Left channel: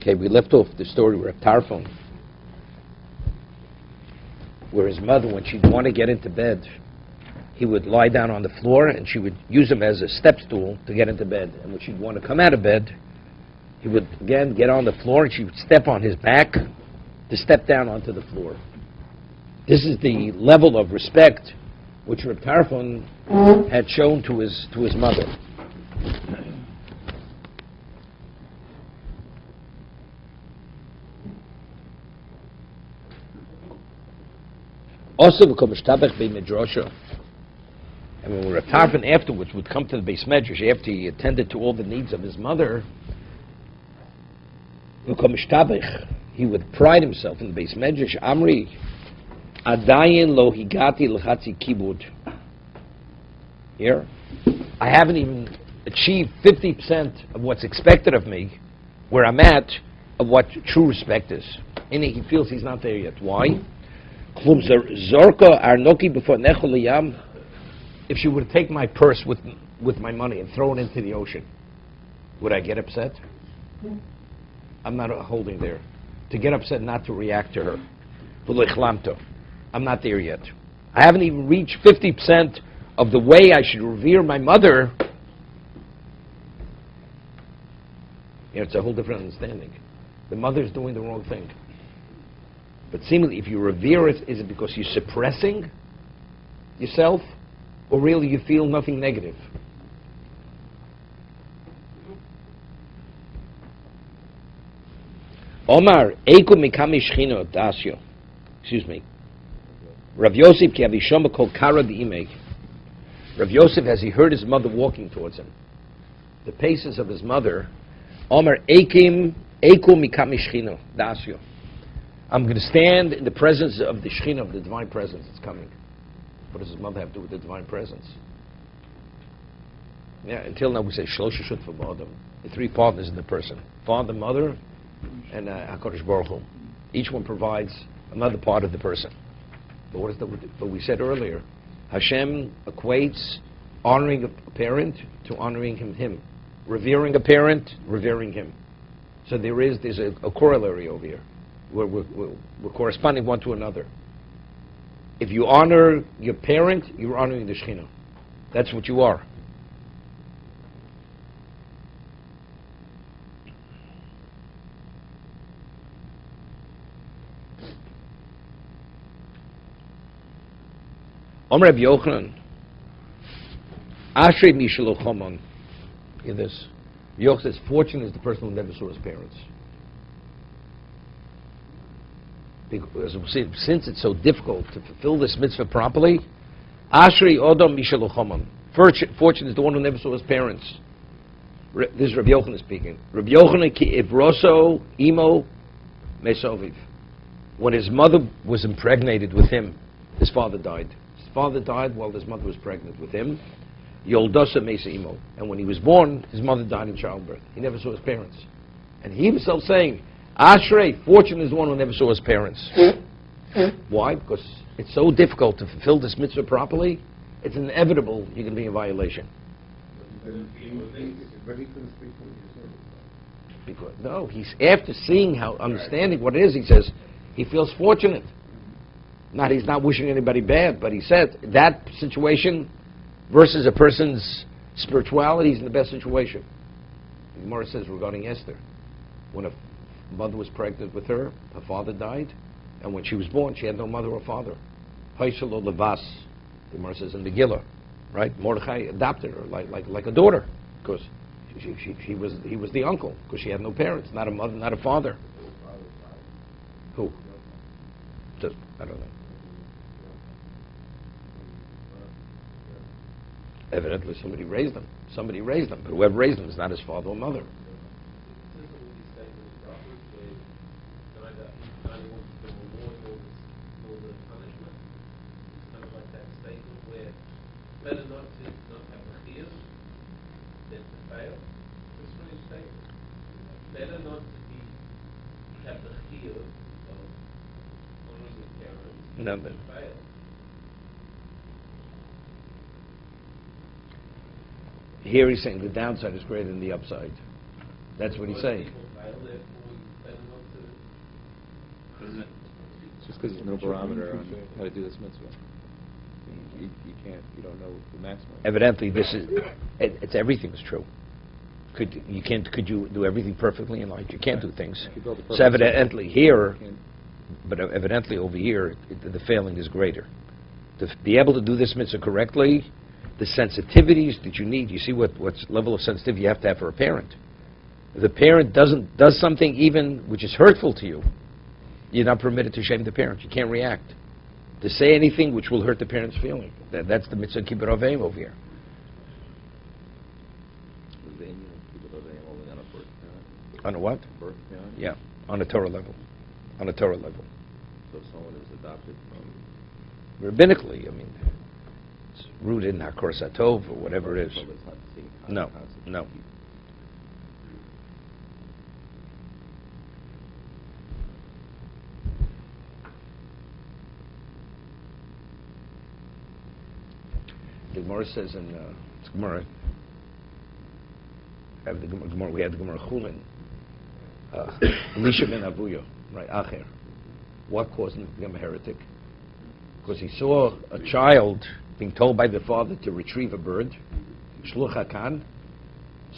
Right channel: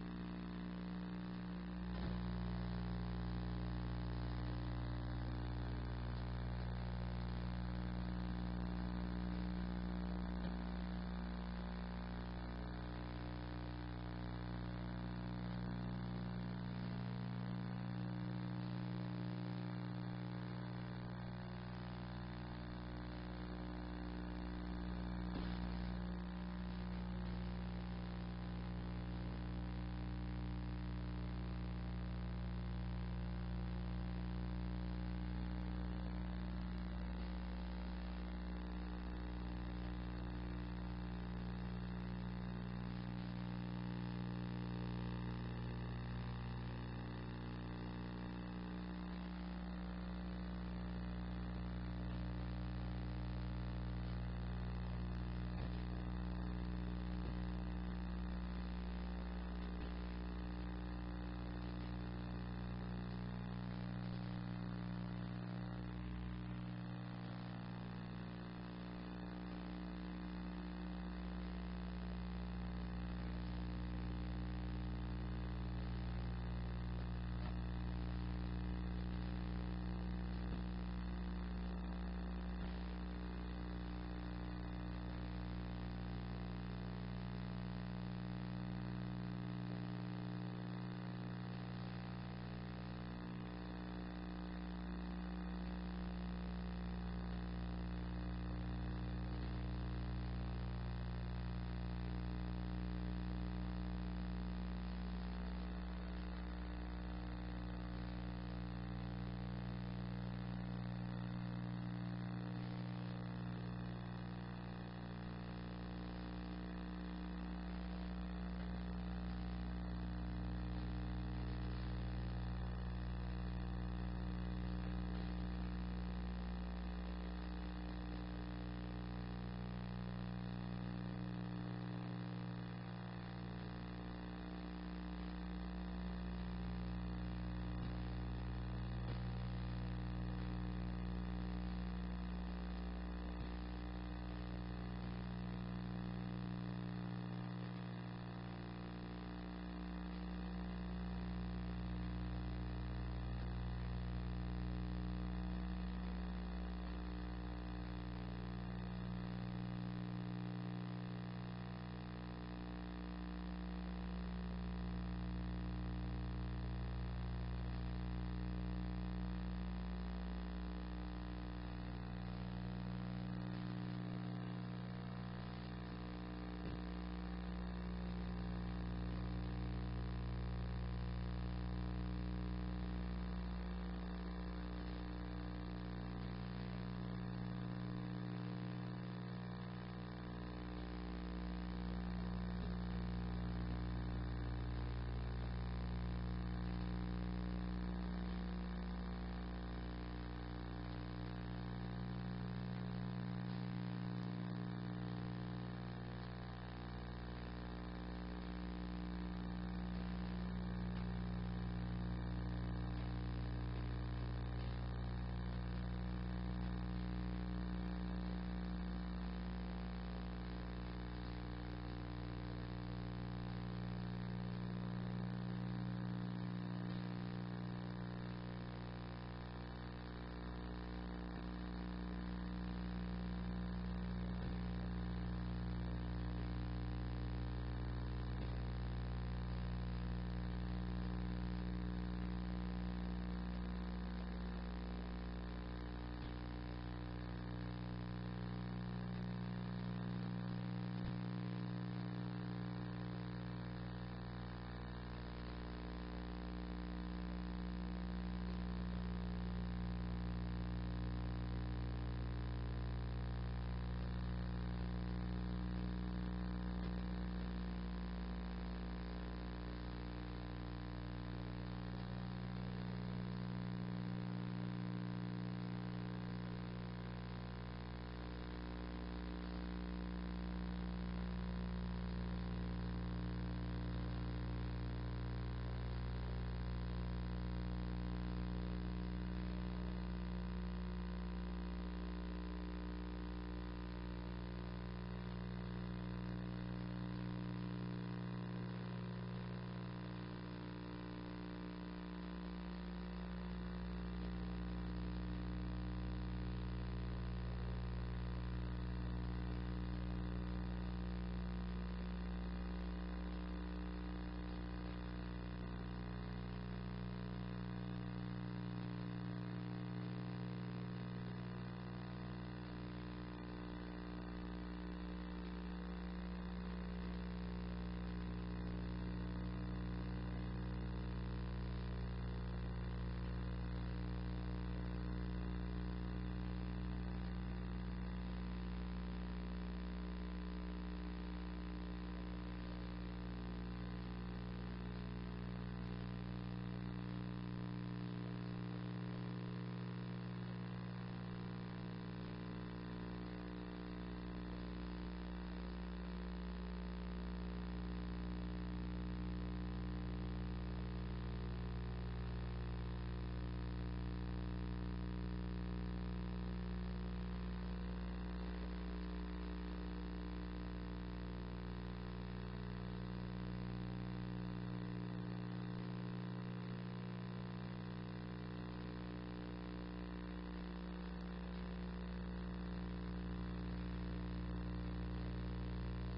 Okay, we left off the story with Tarfon, where his mother, when she'd want to get into bed, he would lie down on the floor and she would use him as a step stool to get into bed. And when she'd want to come out of bed, he would again get on the floor and she would step on his back to step down onto the floor. This is the level of respect which Reb Tarfon had shown to his mother. Also, and when Reb Tarfon afterwards would come to the Beis Medrash after he attended to all the needs of his mother, he would pride himself in the Beis Medrash. Amri, Adayin lo higati l'chatzi kibud. Here, I haven't even achieved 50% of what's expected of me, where I'm at, of what true respect is. And he feels he's not there yet. Why? If she would take my purse with my money and throw it into the ocean, would I get upset? I'm not holding there. To get upset, not to react to her. I'm not there yet. I haven't even reached 50% of the way I should revere my mother. It's a whole different understanding. The mother's doing the wrong thing. But seemingly, if you revere it, is it because you're suppressing yourself, or really you feel nothing negative? Omar, Eiku Mikami Shchino Dasyo. Excuse me. Rav Yosef ki avishom kol kara di'imei. Rav Yosef, as he heard his mother walking towards him, the paces of his mother, Omar, Eiku Mikami Shchino Dasyo. I'm going to stand in the presence of the Shekhinah, of the divine presence that's coming. What does his mother have to do with the divine presence? Yeah, until now we say Shlosha Shut for Ba'adam. The three partners in the person: Father, Mother, and HaKadosh Baruch Hu. Each one provides another part of the person. But what is but we said earlier, Hashem equates honoring a parent to honoring him. Revering a parent, revering him. So there's a corollary over here. We're corresponding one to another. If you honor your parent, you're honoring the Shekhinah. That's what you are. Omer Rabbi Yochanan, Ashrei Mishalo Choman. Hear this. Yochanan says, fortunate is the person who never saw his parents. Because since it's so difficult to fulfill this mitzvah properly, Ashrei Odom Mishalo Choman. Fortunate is the one who never saw his parents. This is Rabbi Yochanan speaking. Rabbi Yochanan ki Ivroso Imo Mesoviv. When his mother was impregnated with him, his father died. His father died while his mother was pregnant with him. Yoldosa Mesa Imo. And when he was born, his mother died in childbirth. He never saw his parents. And he himself saying, Ashrei, fortunate is the one who never saw his parents. Why? Because it's so difficult to fulfill this mitzvah properly, it's inevitable you're going to be in violation. Because, no, he's after seeing understanding what it is, he says, he feels fortunate. He's not wishing anybody bad, but he said that situation versus a person's spirituality is in the best situation. Gemara says regarding Esther, when a mother was pregnant with her father died, and when she was born, she had no mother or father. Haishalo Levas, Gemara says in the Megillah, right? Mordechai adopted her like a daughter, because he was the uncle, because she had no parents, not a mother, not a father. Who? Just, I don't know. Evidently, somebody raised them. But whoever raised them is not his father or mother. Nothing. Here he's saying the downside is greater than the upside. That's what he's saying. because there's no barometer on how to do this mitzvah. You can't, you don't know the maximum. Evidently, this is, it's everything's true. Could you do everything perfectly in life? You can't do things. So evidently here, but evidently over here, the failing is greater. To be able to do this mitzvah correctly, the sensitivities that you need, you see what level of sensitivity you have to have for a parent. If the parent does something even which is hurtful to you, you're not permitted to shame the parent. You can't react. To say anything which will hurt the parent's feeling. That's the mitzvah kibbut aveim over here. On a what? Yeah, on a Torah level. On a Torah level. Rabbinically, I mean, it's rooted in Hakor Satov or whatever it is. No, no. The Gemara says in Gemara, we have the Gemara Chulin, Elisha ben Avuya, right, Acher. What caused him to become a heretic? Because he saw a child being told by the father to retrieve a bird, Shluch HaKan.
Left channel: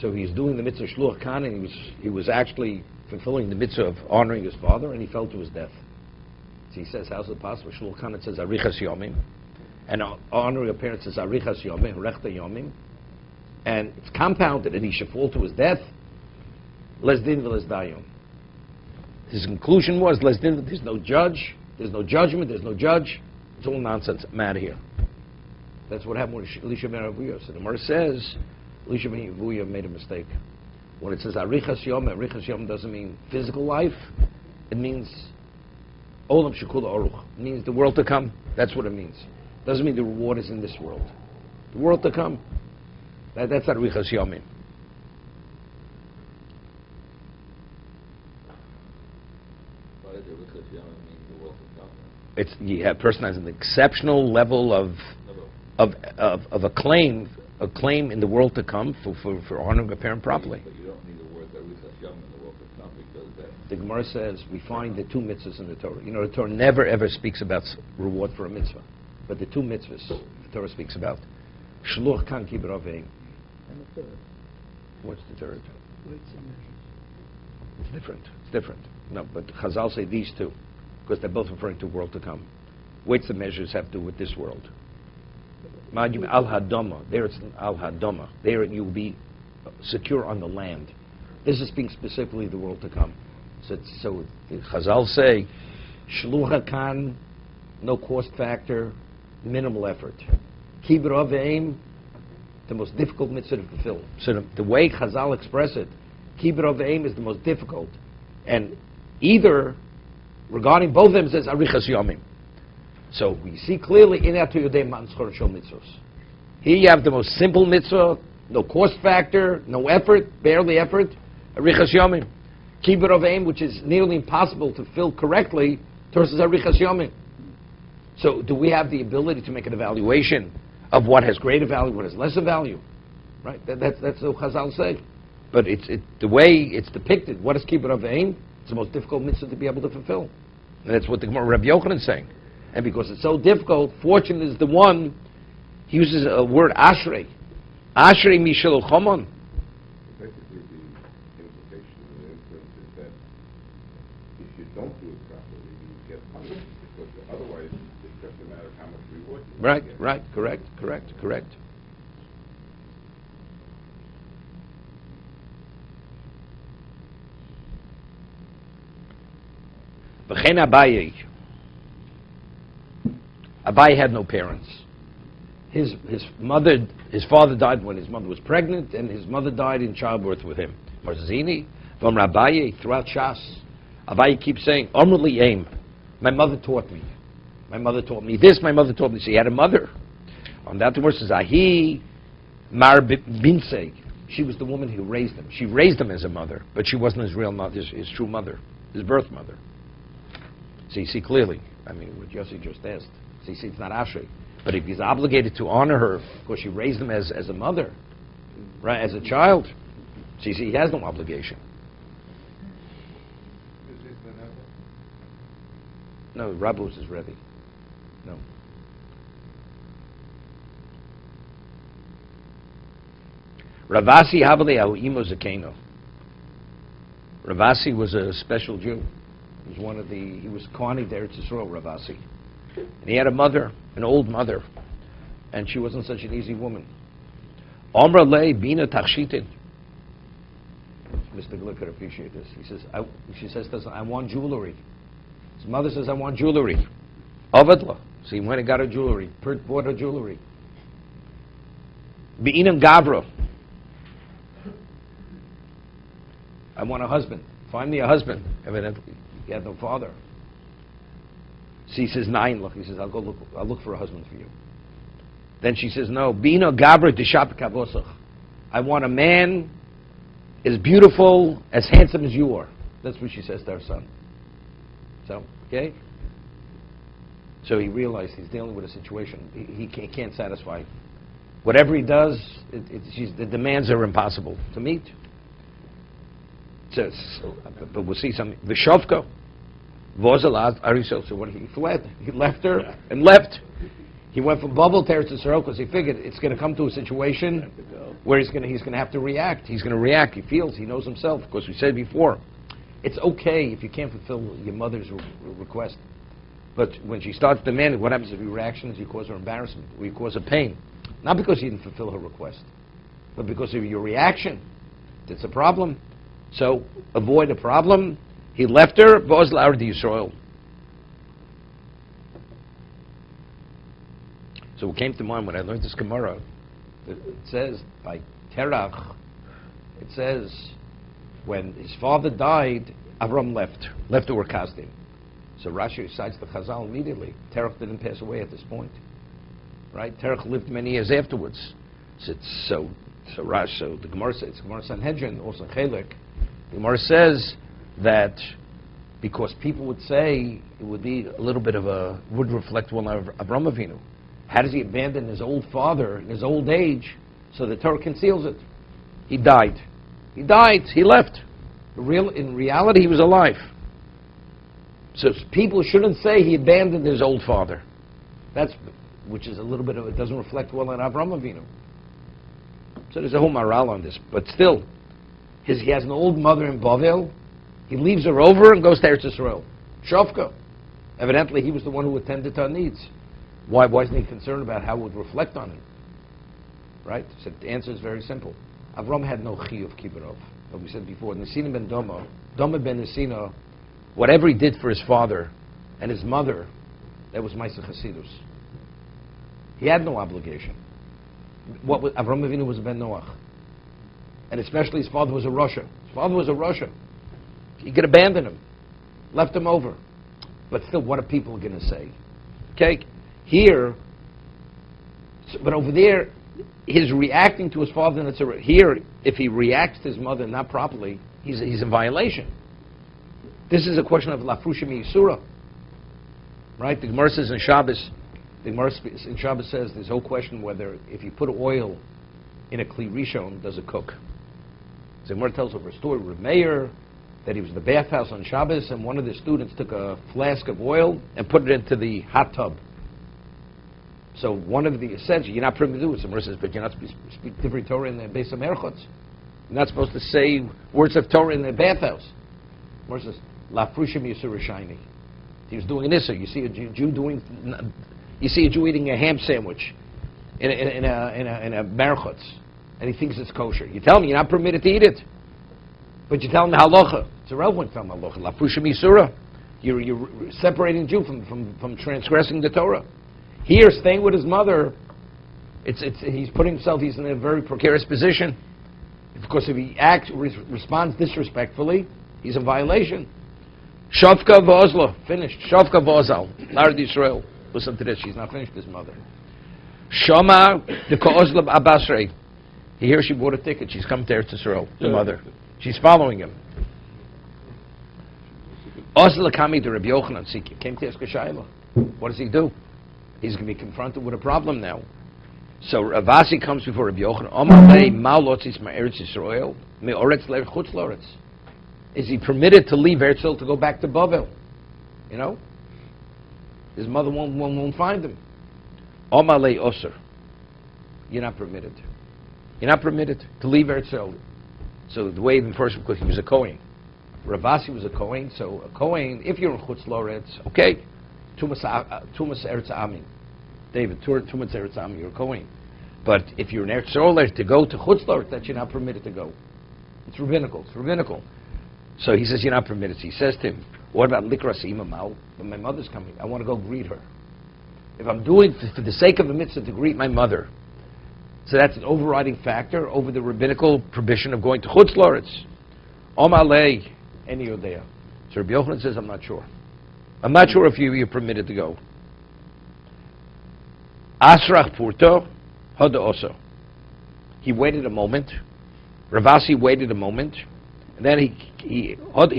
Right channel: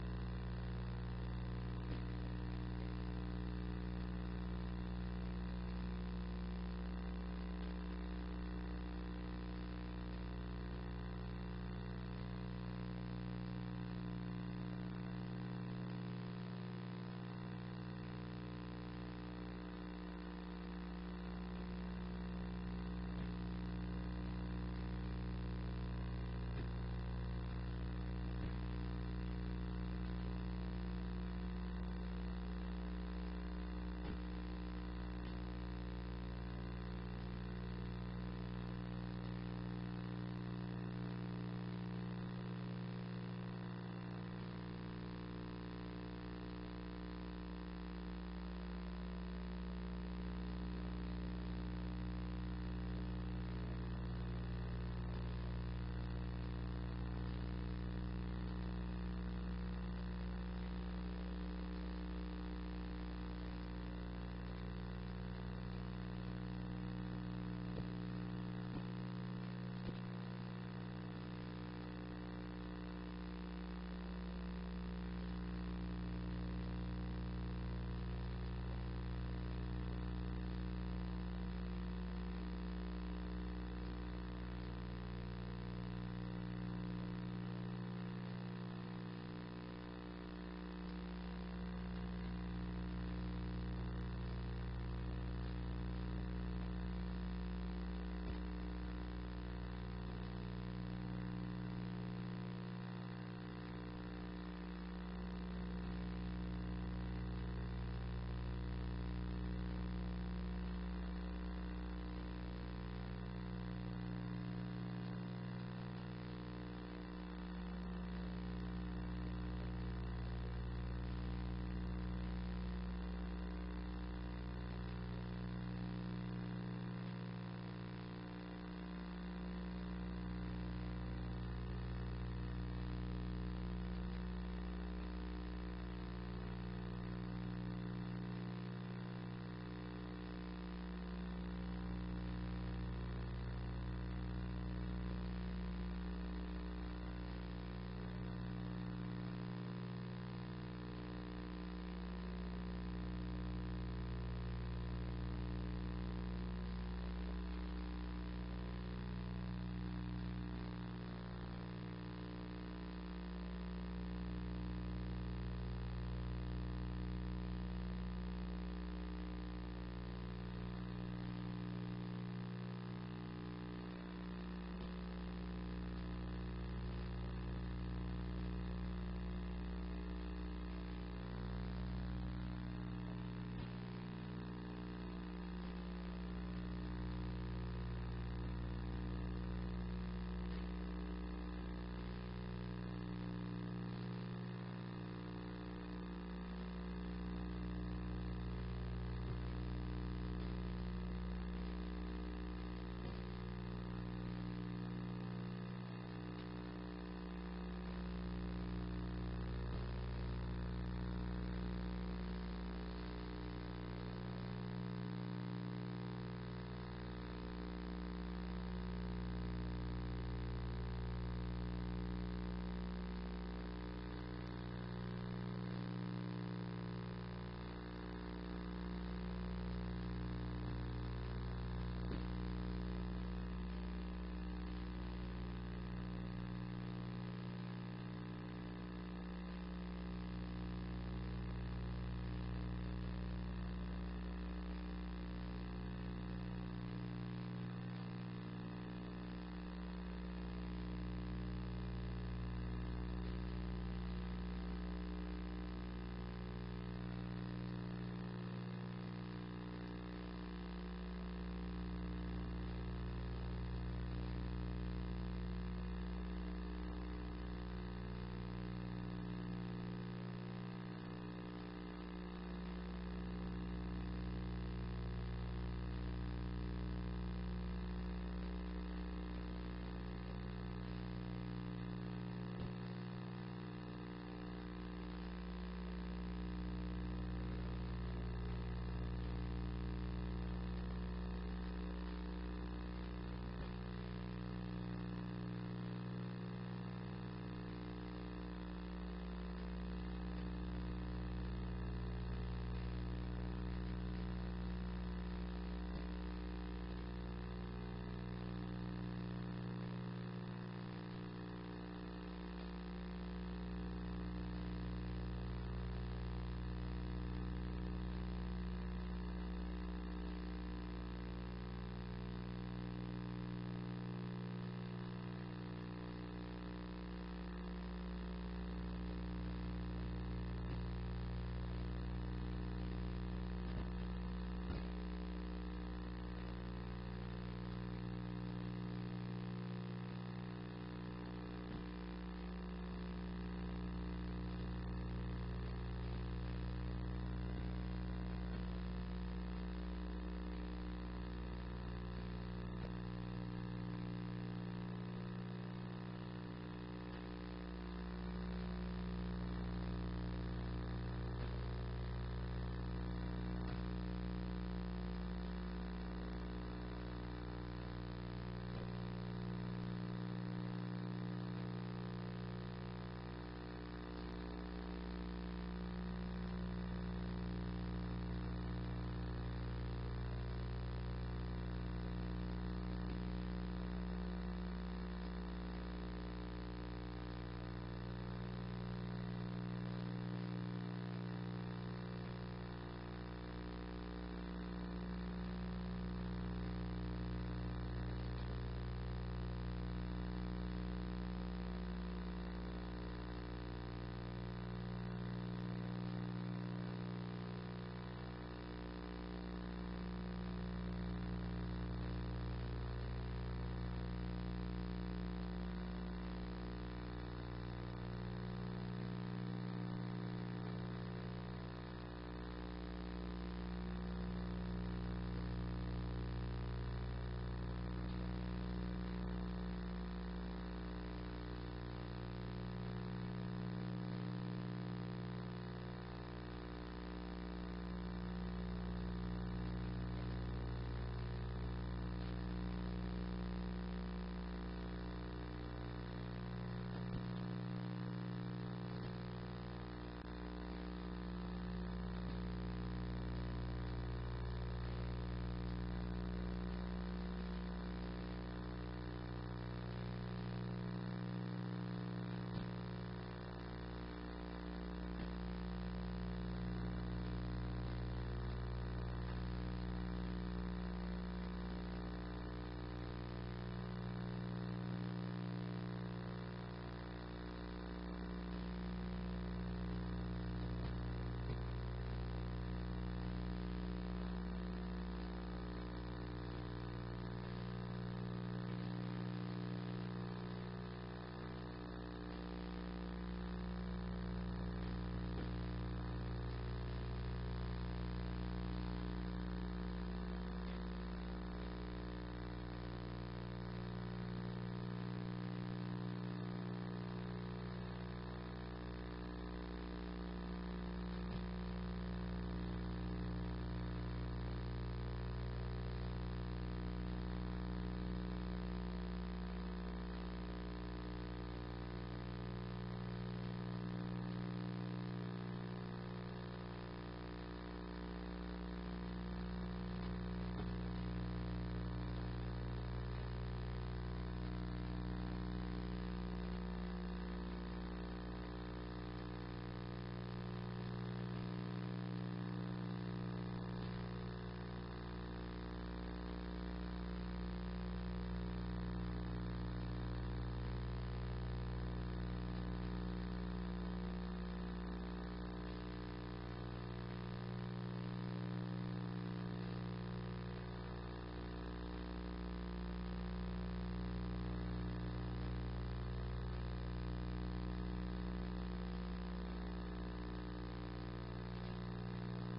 So he's doing the mitzvah Shluch HaKan, and he was actually fulfilling the mitzvah of honoring his father, and he fell to his death. So he says, how's it possible? Shluch HaKan, it says Arichas Yomim. And honoring a parent says Arichas Yomim, Rechta Yomim. And it's compounded, and he should fall to his death. Les din v'les dayom. His conclusion was, les din, there's no judge, there's no judgment, there's no judge. It's all nonsense. I'm out of here. That's what happened with Elisha ben Avuya. So the Gemara says, Elisha ben Avuya made a mistake. When it says Arichas Yom doesn't mean physical life. It means Olam Shekula Aruch. It means the world to come. That's what it means. It doesn't mean the reward is in this world. The world to come. That's Arichas Yomim. A person has an exceptional level of acclaim in the world to come for honoring a parent properly. The Gemara says we find the two mitzvahs in the Torah. You know, the Torah never ever speaks about reward for a mitzvah, but the two mitzvahs the Torah speaks about. Shluch kan kibbut aveim. What's the third? It's different. It's different. No, but Chazal say these two, because they're both referring to world to come. Weights and measures have to do with this world. Al Hadama. There it's Al Hadama. There you will be secure on the land. This is speaking specifically the world to come. So Chazal say, Shluch HaKan, no cost factor, minimal effort. Kibbut aveim, the most difficult mitzvah to fulfill. So the way Chazal express it, Kibbut aveim is the most difficult. And either, regarding both of them, says Arichas Yomim. So we see clearly in Atu Yodei Manschor Shol Mitzvos. Here you have the most simple mitzvah, no cost factor, no effort, barely effort, Arichas Yomim. Kibbut aveim, which is nearly impossible to fill correctly, versus Arichas Yomim. So do we have the ability to make an evaluation of what has greater value, what has lesser value? Right? That's what Chazal say. But the way it's depicted, what is Kibbut aveim? It's the most difficult mitzvah to be able to fulfill. And that's what the Gemara Rabbi Yochanan is saying. And because it's so difficult, fortunate is the one, he uses a word ashrei. Ashrei mishel chomon. Right, correct. V'chein Abaye. Abaye had no parents. His father died when his mother was pregnant, and his mother died in childbirth with him. Marzini, from Abaye, throughout Shas, Abaye keeps saying, Omrli Aim. My mother taught me. My mother taught me this, my mother taught me this. He had a mother. On that verse says, Ahi Mar Binsei. She was the woman who raised him. She raised him as a mother, but she wasn't his real mother, his true mother, his birth mother. So you see clearly, I mean, what Yossi just asked. So you see, it's not Ashrei. But if he's obligated to honor her because she raised him as a mother, right, as a child, so you see, he has no obligation. No, Rabbi was his Rebbe. No. Ravasi Havali Imo Zakeno. Ravasi was a special Jew. He was he was Kohani there to Yisrael, Ravasi. And he had a mother, an old mother, and she wasn't such an easy woman. Omra Le Bina Tachshitin. Mr. Glick could appreciate this. She says, I want jewelry. His mother says, I want jewelry. Avadla. So he went and got her jewelry. Bought her jewelry. Be'inam Gavra. I want a husband. Find me a husband. Evidently, he had no father. So he says, Nine. Look, he says, I'll look for a husband for you. Then she says, no. Bina Gavra Dishap Kavosach. I want a man as beautiful, as handsome as you are. That's what she says to her son. So, okay? So he realized he's dealing with a situation. He can't satisfy. Whatever he does, the demands are impossible to meet. But we'll see some. Vishovka was allowed. So what? He fled. He left her and left. He went from Babel to Eretz Yisrael because he figured it's going to come to a situation where he's going to have to react. He's going to react. He feels. He knows himself. Because we said before, it's okay if you can't fulfill your mother's request. But when she starts demanding, what happens if your reactions? You cause her embarrassment. Or you cause her pain. Not because you didn't fulfill her request, but because of your reaction. It's a problem. So avoid a problem. He left her. V'oz la'ard Yisrael. So it came to mind when I learned this Gemara. It says by Terach. It says when his father died, Avram left to Urkazdi. So Rashi recites the Chazal immediately. Terach didn't pass away at this point, right? Terach lived many years afterwards. So the Gemara says, Gemara Sanhedrin, also Chelek. The Gemara says that because people would say it would be a little bit would reflect well on Avram Avinu. How does he abandon his old father in his old age? So the Torah conceals it. He died. He left. In reality, he was alive. So people shouldn't say he abandoned his old father. Which is a little bit of it doesn't reflect well on Avram Avinu. So there's a whole morale on this. But still, he has an old mother in Bavel. He leaves her over and goes to Eretz Yisrael. Shofka. Evidently, he was the one who attended to her needs. Why wasn't he concerned about how it would reflect on him? Right? So the answer is very simple. Avram had no chiyuv kibbutz. Like we said before, Nesina ben Doma ben Nesina, whatever he did for his father and his mother, that was Maaseh Chasidus. He had no obligation. Avram Avinu was a ben Noach. And especially his father was a Russia. He could abandon him. Left him over. But still, what are people going to say? Okay? Here, but over there, his reacting to his father, here, if he reacts to his mother not properly, he's in violation. This is a question of lafrushim yisura. Right? The Gemara says in Shabbos, says this whole question whether if you put oil in a kli rishon, does it cook? So the Gemara tells over a story with Meir that he was in the bathhouse on Shabbos and one of the students took a flask of oil and put it into the hot tub. So one of the essentials, you're not permitted to do it. So Gemara says, but you're not supposed to speak Divrei Torah in the Beis HaMerchotz. You're not supposed to say words of Torah in the bathhouse. Gemara says, lafrushim yisur shiny. He was doing this. So you see a Jew eating a ham sandwich in a merchotz, and he thinks it's kosher. You tell him you're not permitted to eat it, but you tell him halacha. It's irrelevant from halacha. Lafrushim yisura. You're separating Jew from transgressing the Torah. Here, staying with his mother, he's putting himself. He's in a very precarious position. Because if he responds disrespectfully, he's in violation. Shavka v'ozla, finished. Shavka v'ozal, Lard Yisrael. Listen to this, she's not finished, his mother. Shama the ka'ozla abasrei. He hears she bought a ticket, she's come to Eretz Yisrael, the mother. She's following him. Ozla kami to Rabbi Yochanan, came to ask a shayla. What does he do? He's going to be confronted with a problem now. So Ravasi comes before Rabbi Yochanan. Omalei ma'alotzis ma'eretz Yisrael me'oretz le'chutz loretz. Is he permitted to leave Eretz Yisrael to go back to Bavel? You know? His mother won't find him. Omalei Osir. You're not permitted. You're not permitted to leave Eretz Yisrael. So the way even first, because he was a Kohen. Ravasi was a Kohen, so a Kohen, if you're in Chutz Loretz, okay, Tumas Eretz Ami. David, Tumas Eretz Ami, you're a Kohen. But if you're in Eretz Yisrael, to go to Chutz Loretz, that you're not permitted to go. It's rabbinical. So he says you're not permitted. So he says to him, what about Likras Imamal? When my mother's coming, I want to go greet her. If I'm doing for the sake of the mitzvah to greet my mother, so that's an overriding factor over the rabbinical prohibition of going to Chutz Loretz. Omalei Eni Yodea. So Rabbi Yochanan says, I'm not sure. I'm not sure if you're permitted to go. Asrach Purto Hoda Oso. He waited a moment. Ravasi waited a moment. And then he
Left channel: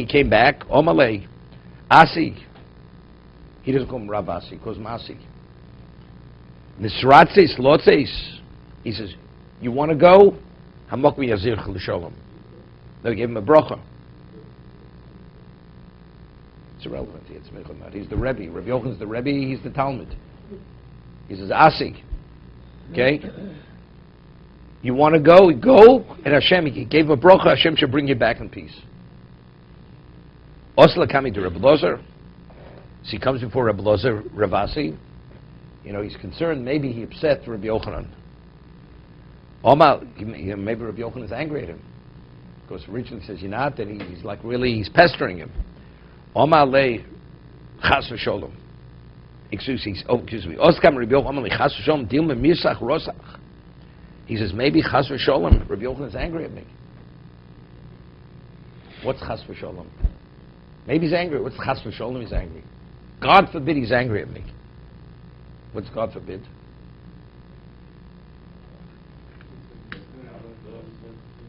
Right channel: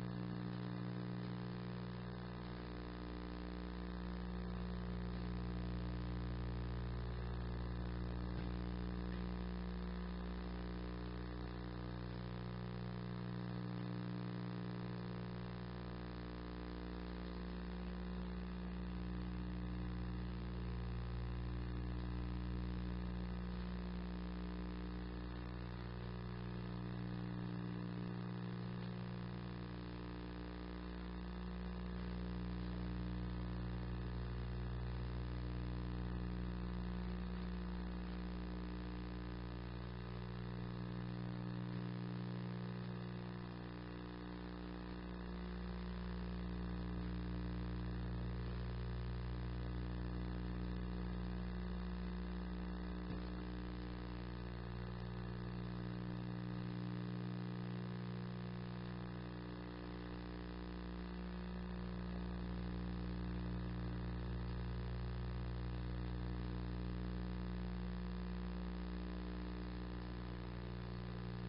came back. Omalei Asi. He doesn't call him Ravasi, he calls him Asi. Nisratzes Lotzes. He says, you want to go? Hamok Yazir L'Sholom. They gave him a bracha. It's irrelevant. He's the Rebbe. Rabbi Yochanan's the Rebbe. He's the Talmud. He says, Asi. Okay? You want to go? Go. And Hashem, he gave him a bracha. Hashem should bring you back in peace. Osla coming to Rabbi Lozer. So he comes before Rabbi Lozer, Ravasi. He's concerned. Maybe he upset Rabbi Yochanan. Maybe Rabbi Yochanan is angry at him. Because originally he says, you're not, and he's like really, he's pestering him. Omar le chas v'sholom. Excuse me. Oskam Rabbi Yochanan le chas v'sholom dilma mirsach rosach. He says, maybe chas v'sholom, Rabbi Yochanan is angry at me. What's chas v'sholom? Maybe he's angry. What's chas v'sholom? He's angry. God forbid he's angry at me. What's God forbid?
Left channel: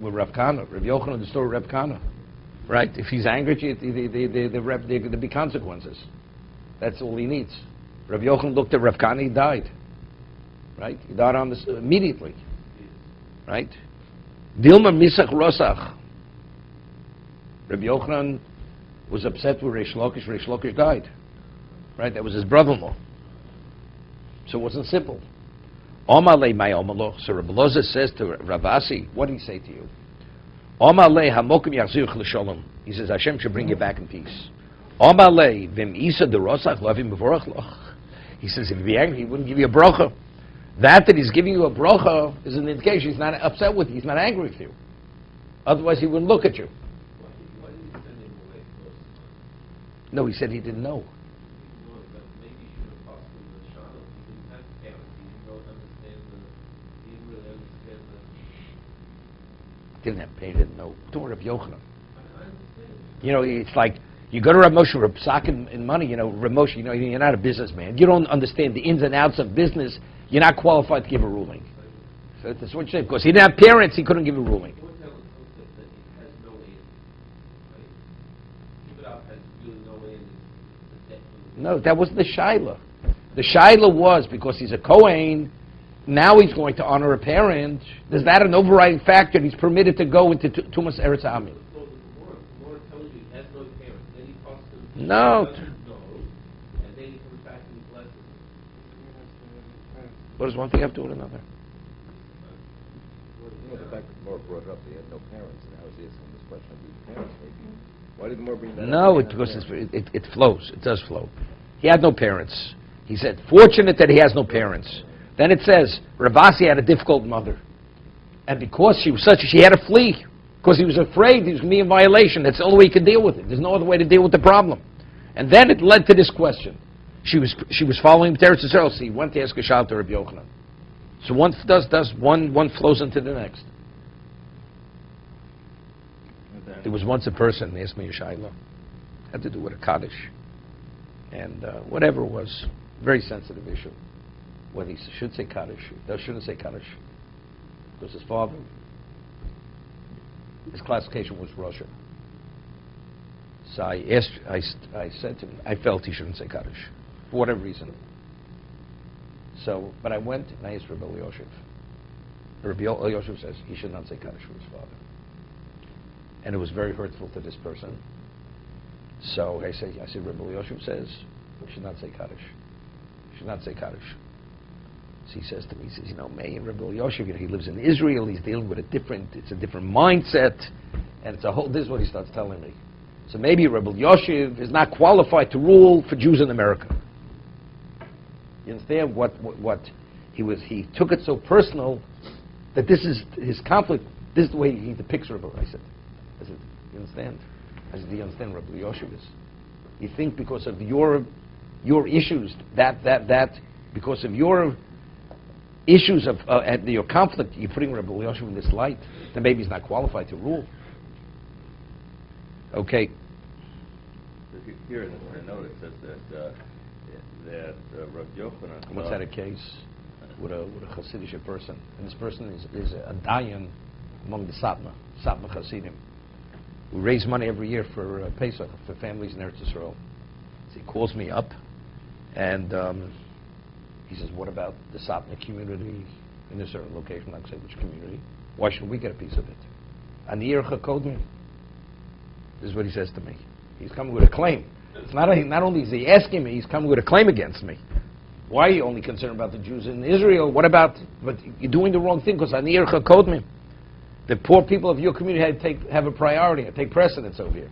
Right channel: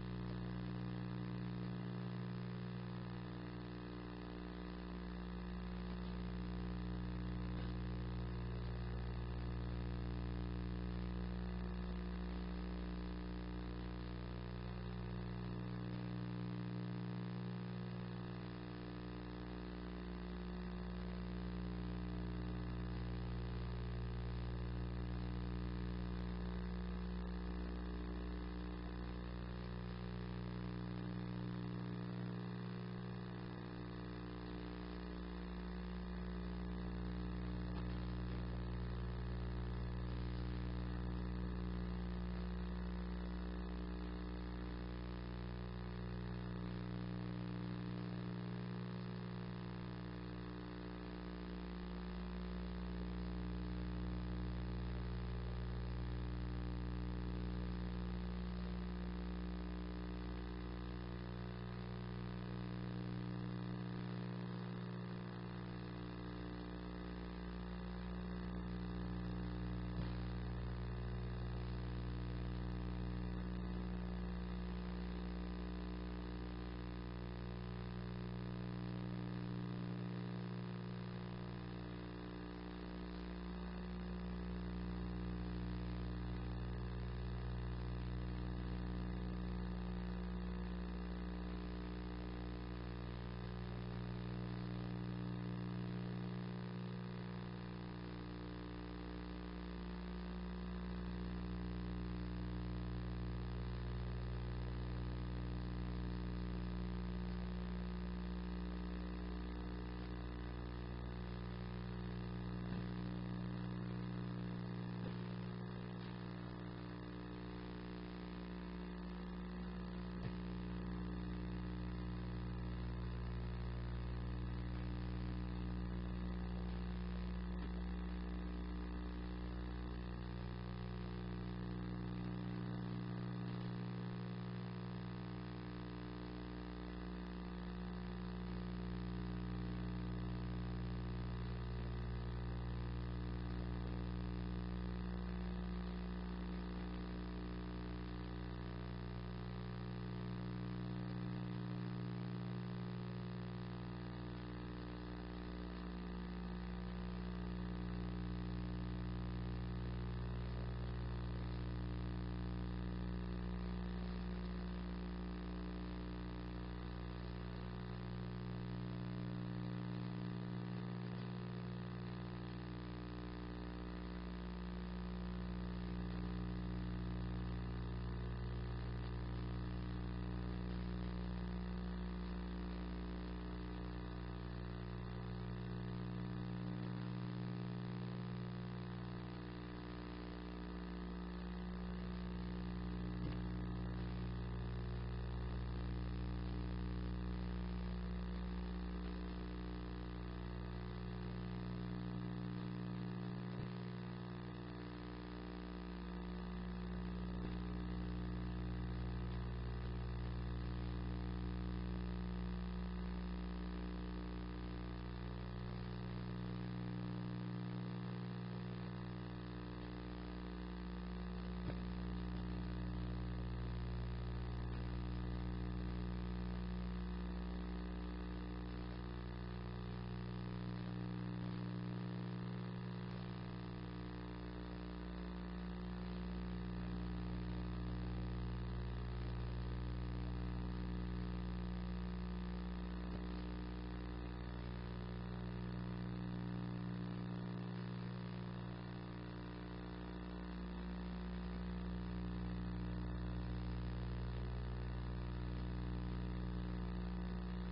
With Rav Kana. Rabbi Yochanan, the story of Rav Kana. Right? If he's angry at you, there'll be consequences. That's all he needs. Rabbi Yochanan looked at Rav Kana, he died. Right? He died on this immediately. Right? Dilma Misach Rosach. Rabbi Yochanan was upset with Reish Lakish. Reish Lakish died. Right? That was his brother-in-law. So it wasn't simple. Omalei my omalo. So Rabbi Loza says to Ravasi, what did he say to you? Omalei hamokim yachzir l'sholom. He says Hashem should bring you back in peace. Omalei vim isa derosach lovim bevorach loch. He says if he'd be angry, he wouldn't give you a bracha. That he's giving you a bracha is an indication he's not upset with you. He's not angry with you. Otherwise, he wouldn't look at you. No, he said he didn't know. Didn't have pain, didn't know. Don't worry about Yochanan. It's like you go to Rav Moshe Rapsak in money. Rav Moshe, you're not a businessman. You don't understand the ins and outs of business. You're not qualified to give a ruling. So that's what you say. Because he didn't have parents, he couldn't give a ruling. No, that wasn't the Shaila. The Shaila was because he's a Kohen. Now he's going to honor a parent. Is that an overriding factor? He's permitted to go into Tumas Eretz Ami. No. What does one thing have to do with another? The fact that Moore brought up he had no parents. Now he's asking this question of his parents. Why did Moore bring that up? No, because it flows. It does flow. He had no parents. He said, fortunate that he has no parents. Then it says, Ravasi had a difficult mother. And because she was she had to flee. Because he was afraid he was going to be in violation. That's the only way he could deal with it. There's no other way to deal with the problem. And then it led to this question. She was following Teretz Yisrael, so he went to ask a shal to Rabbi Yochanan. So one one flows into the next. There was once a person who asked me a shayla. Had to do with a Kaddish. And whatever it was, very sensitive issue. Whether he should say Kaddish, or shouldn't say Kaddish. Because his father, his classification was Russia. So I said to him, I felt he shouldn't say Kaddish, for whatever reason. So, but I went and I asked Rabbi Yosef. Rabbi Yosef says he should not say Kaddish for his father. And it was very hurtful to this person. So I said, Rabbi Yosef says he should not say Kaddish. should not say Kaddish. So he says to me, he says, Meir Rabbi Yoshev, he lives in Israel, he's dealing with it's a different mindset, and this is what he starts telling me. So maybe Rabbi Yoshev is not qualified to rule for Jews in America. You understand what he took it so personal that this is his conflict, this is the way he depicts Rabbi. I said, you understand? I said, do you understand Rabbi Yoshev is? You think because of your issues, because of your issues of your conflict, you're putting Rabbi Yoshev in this light, then maybe he's not qualified to rule. Okay. Here in the note it says that Rabbi Yochanan. What's that a case with a Hasidic person? And this person is a dayan among the Satmar Hasidim. We raise money every year for Pesach for families in Eretz Yisrael. So he calls me up, and he says, "What about the Satmar community in a certain location? I'm saying which community? Why should we get a piece of it?" And the Yercha Kodmi. This is what he says to me. He's coming with a claim. It's not only is he asking me, he's coming with a claim against me. Why are you only concerned about the Jews in Israel? What about, but you're doing the wrong thing because Anir Chakodmi. The poor people of your community have a priority, take precedence over here.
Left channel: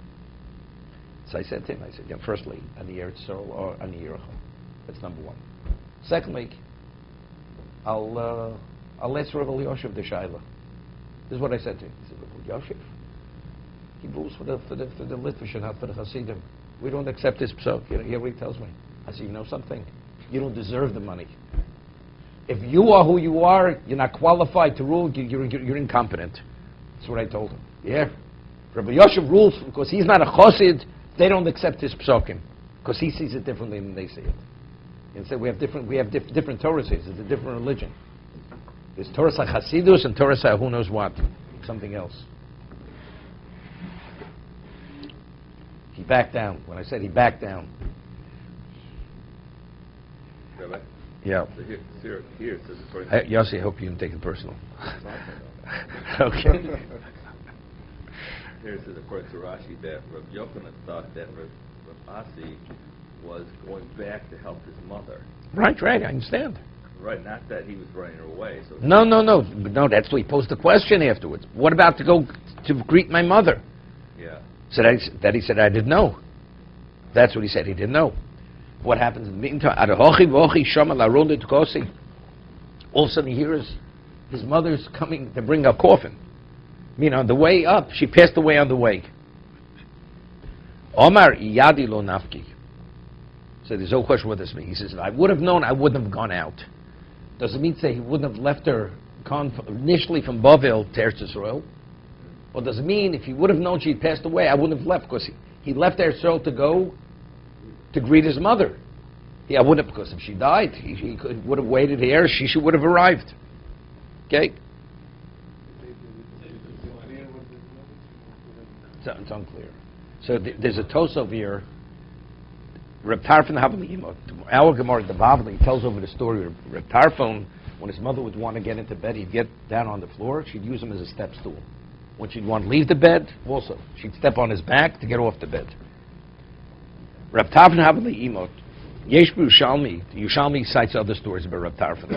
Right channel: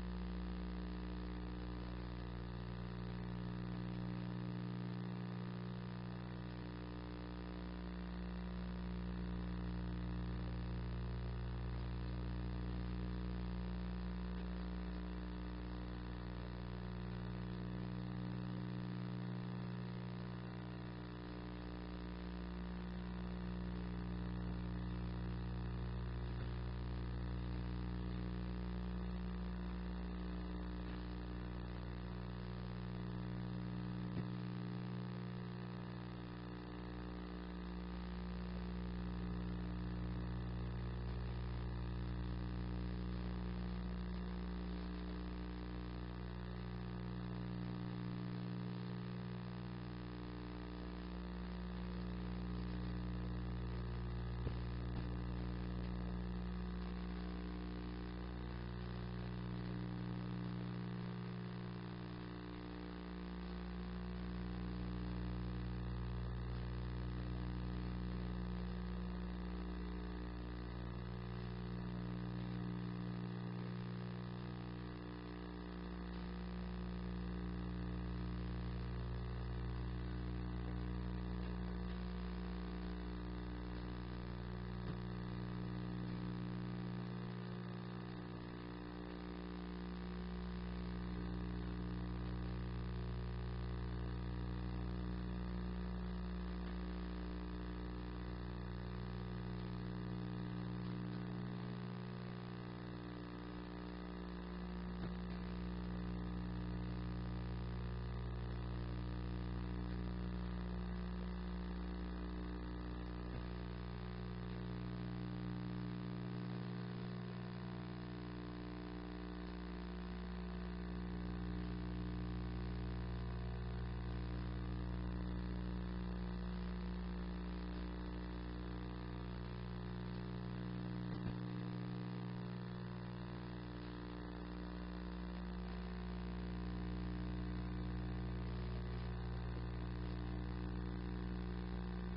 So I said to him, firstly, Anir Tzol or Anir. That's number one. Secondly, I'll ask Rabbi Yoshev the Shaila. This is what I said to him. I said, Rabbi Yoshev, he moves for the Litvish and not for the Hasidim. We don't accept this psok. Here what he tells me. I said, you know something? You don't deserve the money. If you are who you are, you're not qualified to rule, you're incompetent. That's what I told him. Yeah. Rabbi Yoshev rules because he's not a chosid, they don't accept his psokim. Because he sees it differently than they see it. Instead, we have different Torahs. It's a different religion. There's Torah HaChasidus and Torah who knows what. Something else. He backed down. When I said he backed down. Rabbi? Yeah. So here it says according to... Yossi, I hope you didn't take it personal. Okay. Here it says according to Rashi that Rabbi Yochanan thought that Rabbi Asi was going back to help his mother. Right, I understand. Right, not that he was running her away. So No, that's what he posed the question afterwards. What about to go to greet my mother? Yeah. So that he said, I didn't know. That's what he said, he didn't know. What happens in the meantime? All of a sudden he hears his mother's coming to bring a coffin. On the way up, she passed away on the way. Omar iyadi lo nafki. So there's no question what this means. He says, if I would have known, I wouldn't have gone out. Does it mean to say he wouldn't have left her initially from Bavel to Eretz Yisrael? Or does it mean if he would have known she'd passed away, I wouldn't have left because he left Eretz Yisrael to go to greet his mother? Yeah, I wouldn't have, because if she died, he would have waited here, she would have arrived. Okay? It's unclear. So there's a toast over here. Reb Tarfon, our Gemara, the Bavli, tells over the story of Reb Tarfon. When his mother would want to get into bed, he'd get down on the floor. She'd use him as a step stool. When she'd want to leave the bed, also, she'd step on his back to get off the bed. Reb Tarfon Havli Imot. Yesh Yerushalmi cites other stories about Reb Tarfon.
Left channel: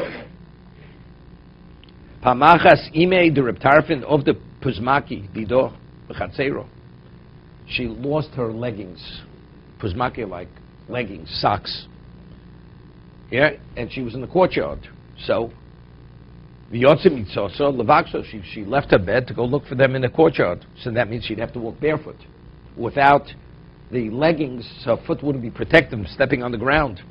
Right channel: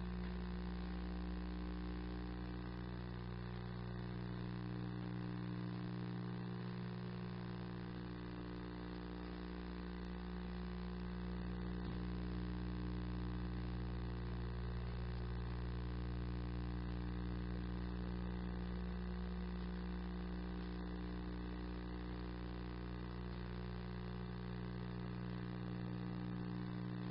Pamachas ime de Reb Tarfon of the Puzmaki bido b'chatzero. She lost her leggings. Puzmaki, like leggings, socks. Yeah, and she was in the courtyard. So, she left her bed to go look for them in the courtyard. So that means she'd have to walk barefoot. Without the leggings, her foot wouldn't be protected from stepping on the ground.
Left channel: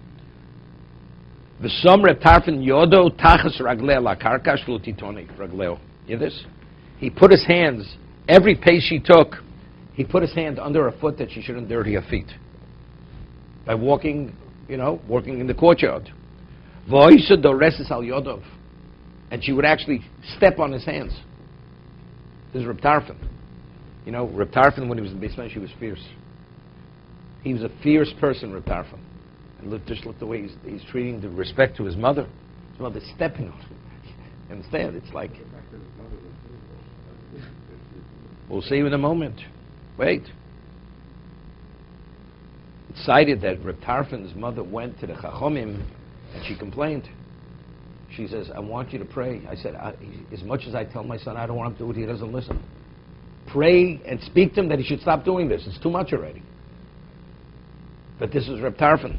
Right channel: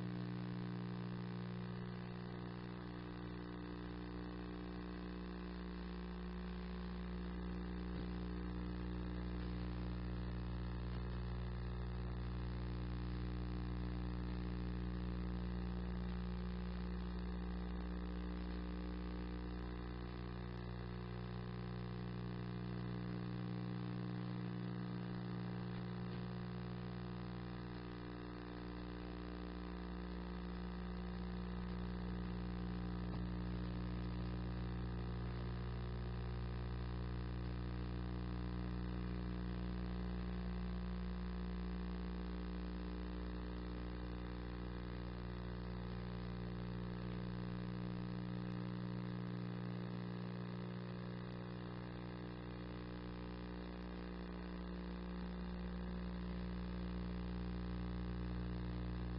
The Reb Tarfon yodo tachas ragleo la karkash lo titoni ragleo. You hear this? He put his hands, every pace she took, he put his hand under her foot that she shouldn't dirty her feet. By walking, walking in the courtyard. V'oisa doreses al yodov. And she would actually step on his hands. This is Reb Tarfon. Reb Tarfon, when he was in basement, she was fierce. He was a fierce person, Reb Tarfon. And just look the way he's treating the respect to his mother. His mother's stepping on him. Understand? It's like, we'll see you in a moment. Wait. It's cited that Reb Tarfon's mother went to the Chachomim And she complained. She says, I want you to pray. I said, as much as I tell my son I don't want him to do it, he doesn't listen. Pray and speak to him that he should stop doing this. It's too much already. But this is Reb Tarfon.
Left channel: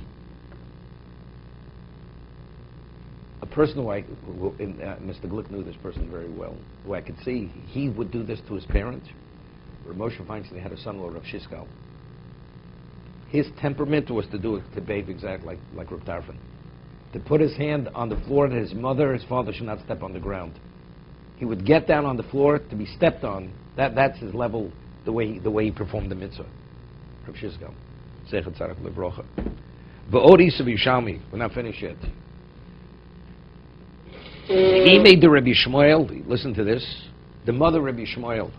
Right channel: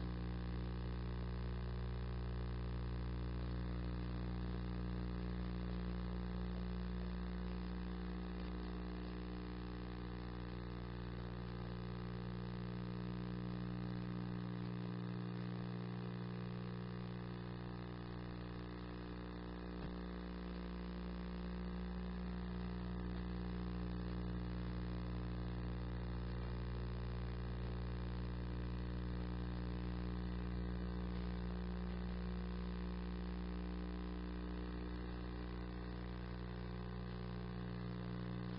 A person who Mr. Glick knew this person very well, who I could see he would do this to his parents. Reb Moshe Feinstein had a son-in-law, Rav Shiskal. His temperament was to do it, to behave exactly like Reb Tarfon. To put his hand on the floor that his mother, his father should not step on the ground. He would get down on the floor to be stepped on. That's his level, the way he performed the mitzvah. Rav Shiskal. Sechet Tzarech Lebrocha. V'odis of Yishalmi. We're not finished yet. He made the Rabbi Shmuel, listen to this, the mother Rabbi Shmuel,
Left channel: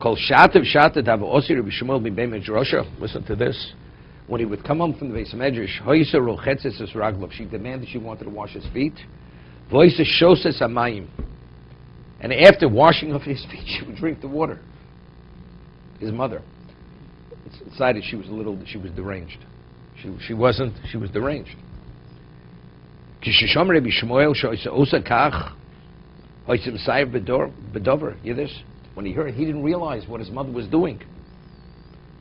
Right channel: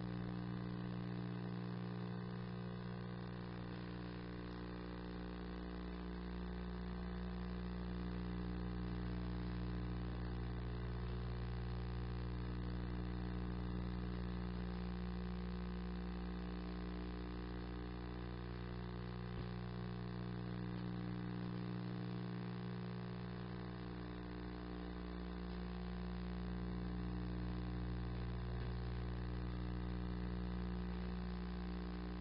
called Shatev Have Osi Rabbi Shmuel Mibei Medrasha. Listen to this. When he would come home from the Beis Medrash, Hoysa Rochetzes Es Raglav, she demanded she wanted to wash his feet. Voisa Shoses Amayim. And after washing off his feet, she would drink the water. His mother decided she was deranged. She was deranged. Kishisham Rabbi Shmuel Shoysa Osa Kach, Hoysa Messiah Bedover. Hear this? When he heard, he didn't realize what his mother was doing.